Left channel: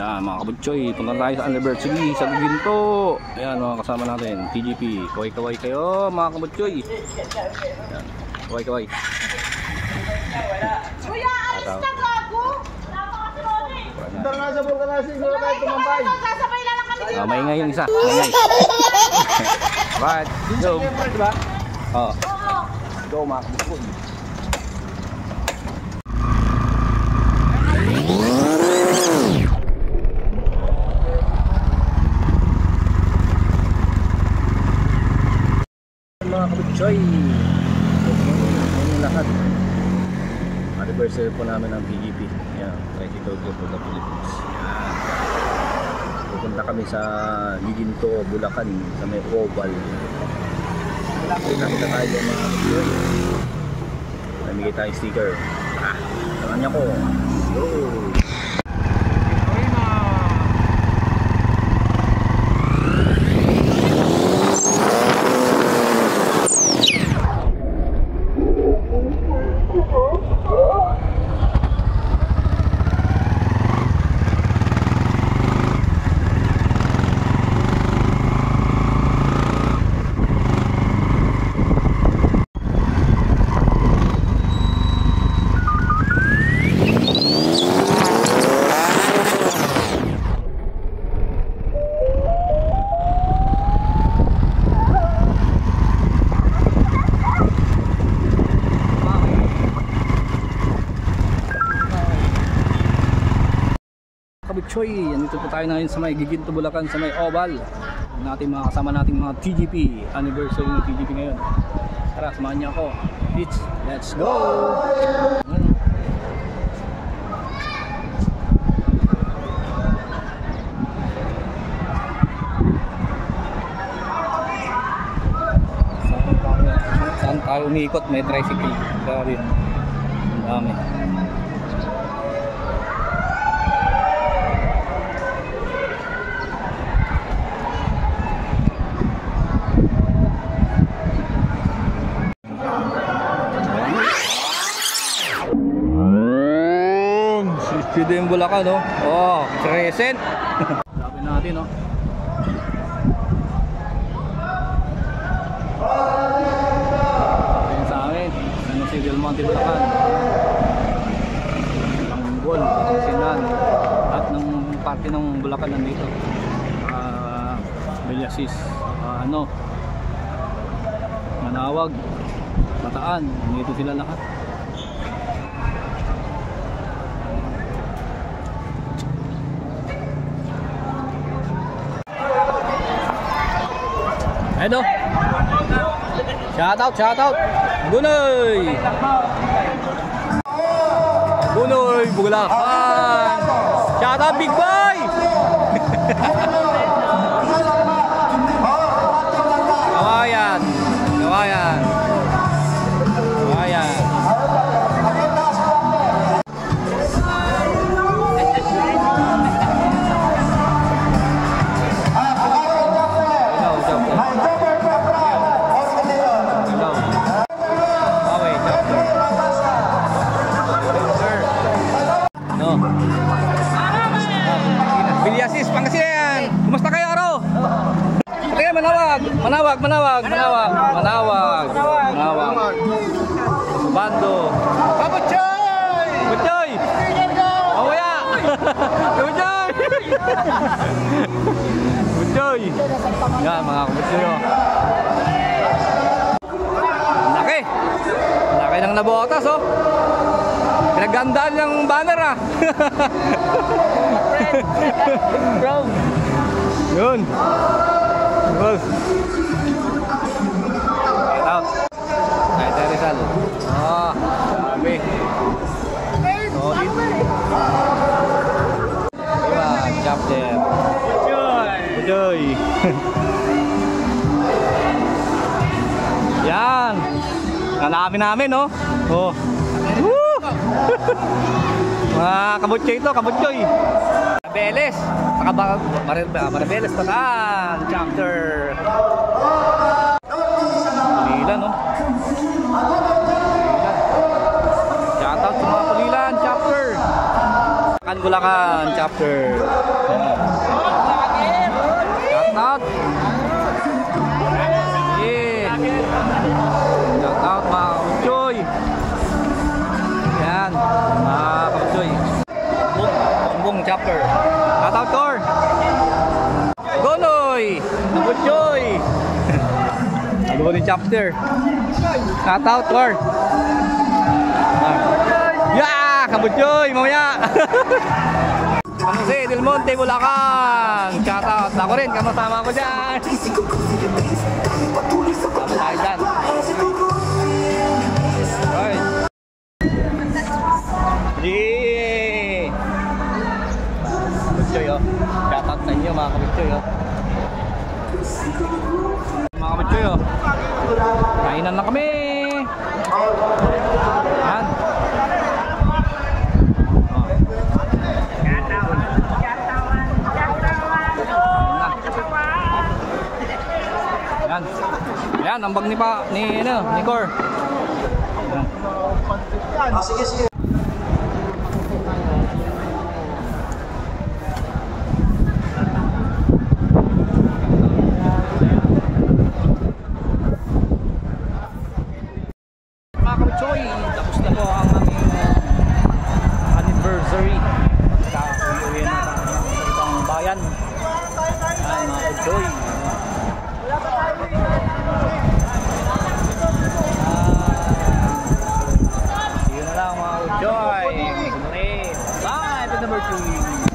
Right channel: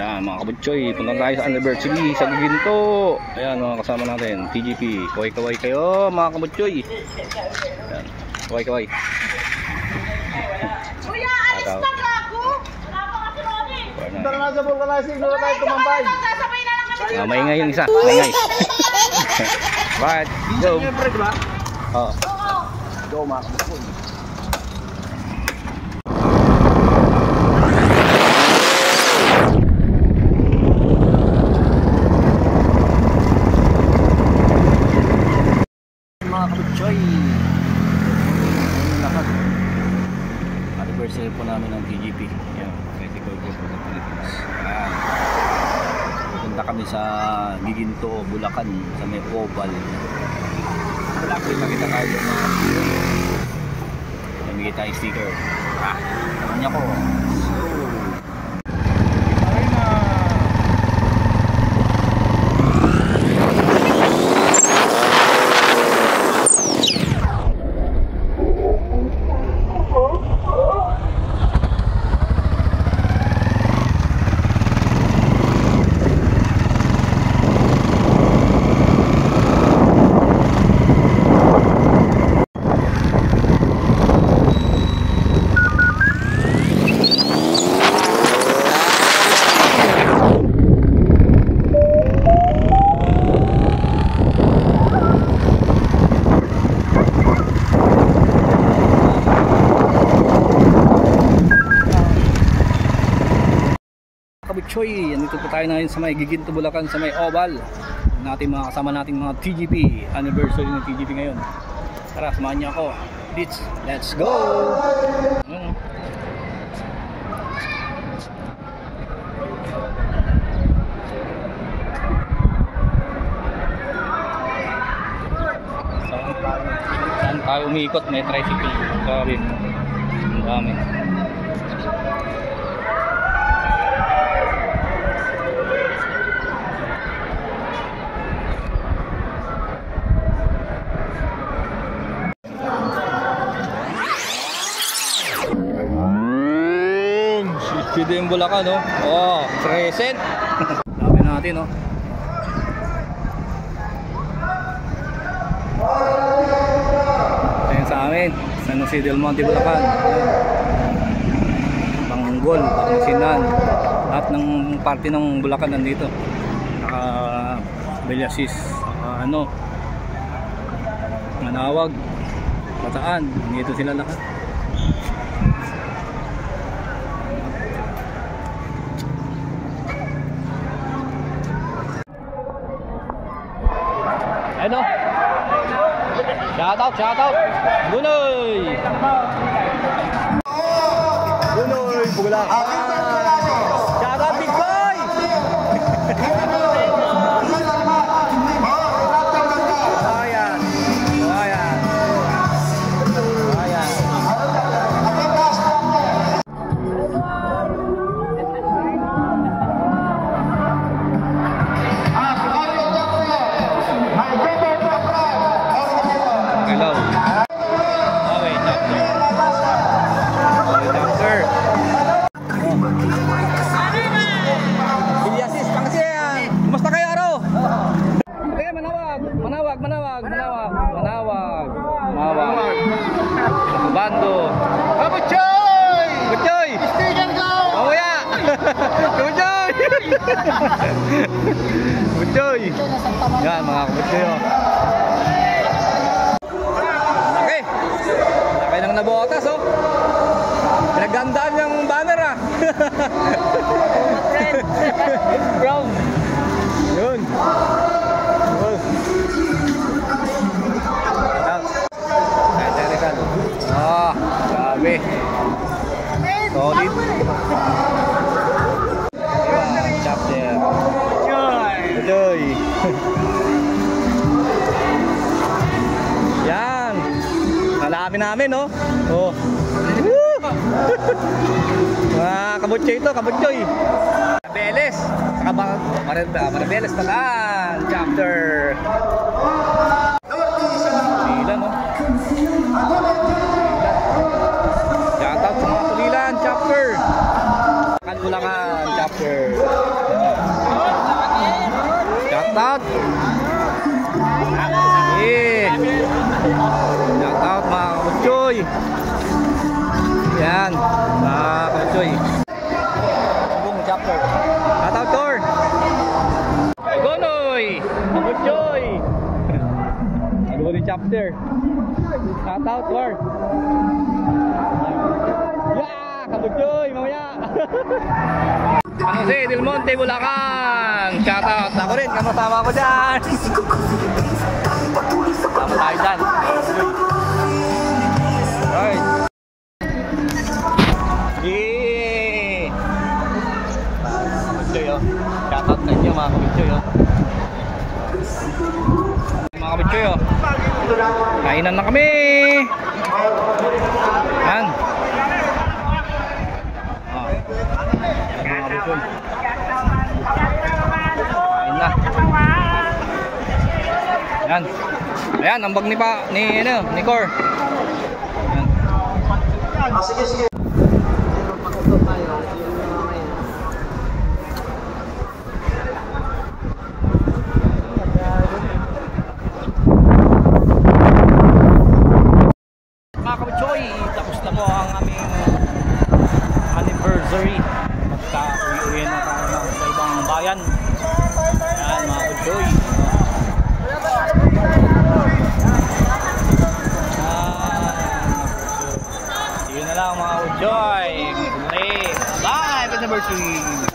Ayan mga kabutsoy, punta tayo sa anniversary sa Giginto. Ayan mga kasama natin, TGP. Kaway-kaway kayo mga kabutsoy. Ayan, kaway-kaway. Kuya, alis na ako. Tara na sa vulcanizing, wala tayo tumambay. Sasabay na lang kami. Maingay yung isa, maingay. Right, go. Siyempre, diba? Oo. Go mga kabutsoy. Mga kabutsoy, good lahat. Anniversary po namin ng TGP. Yan, Tricycle Group of the Philippines. Yan. Pupunta kami sa Giginto, Bulacan, sa may Oval. Kita-kita tayo mga kabutsoy. Namigay tayong sticker. Naman niya ko. So, kabutsoy, andito po tayo ngayon sa may Giginto, Bulacan, sa may Oval. Natin mga kasama nating mga TGP, anniversary ng TGP ngayon. Tara, samahan niyo ako. Let's go! Saan tayo umiikot? May tricycle. Sorry. Ang dami. Sino yung Bulacan, no? Oh, present. Sabi natin, no? Ayan sa amin, San Jose del Monte, Bulacan. Tanggol, Pangasinan. At ng parte ng Bulacan nandito. Beliasis, Manawag, Bataan. Nandito sila lahat. Ano? Shout out. Bunoy, Bulacan. Shout out Big Boy. Ayan. Beliasis, Pangasinan. Kumusta kayo, Aro? Kaya Manawag. Bando. Kabutsoy! Sticker go! Mamaya! Kabutsoy! Kabutsoy! Yan mga kabutsoy, oh. Laki ng nabotas, oh. Pinagandaan ng banner, ah. Brown. Yun. Out. Grabe. Solid. Chop there. Joy. Yan. Hanapin namin, no? Oh. Woo! Mga kabutsoy ito, kabutsoy. Marabeles. Saka Marabeles pa kan. Chapter. Pulilan, no? Shout out sa mga Pulilan, chapter. Bulacan chapter. Shout out. Shout out mga kabutsoy. Yan, mga kabutsoy. Sumbong chapter. Shout out, Tor. Gonoy! Kabutsoy! Gonoy chapter. Shout out, Tor. Yeah! Kabutsoy! Mamaya! San Jose del Monte, Bulacan! Shout out! Ako rin, kasama ko dyan! Sama tayo dyan! Alright! Yeah! Kabutsoy, oh! Shout out sa inyo mga kabutsoy, oh! Mga kabutsoy, oh! Kainan na kami! Yan! Yan. Ayan, ang bag ni Cor. Yan. Sige, sige. Mga kabutsoy, tapos na po ang aming anniversary. Pagka uwi na tayo sa ibang bayan. Ayan mga kabutsoy. See you na lang mga kabutsoy. Bye! Happy anniversary!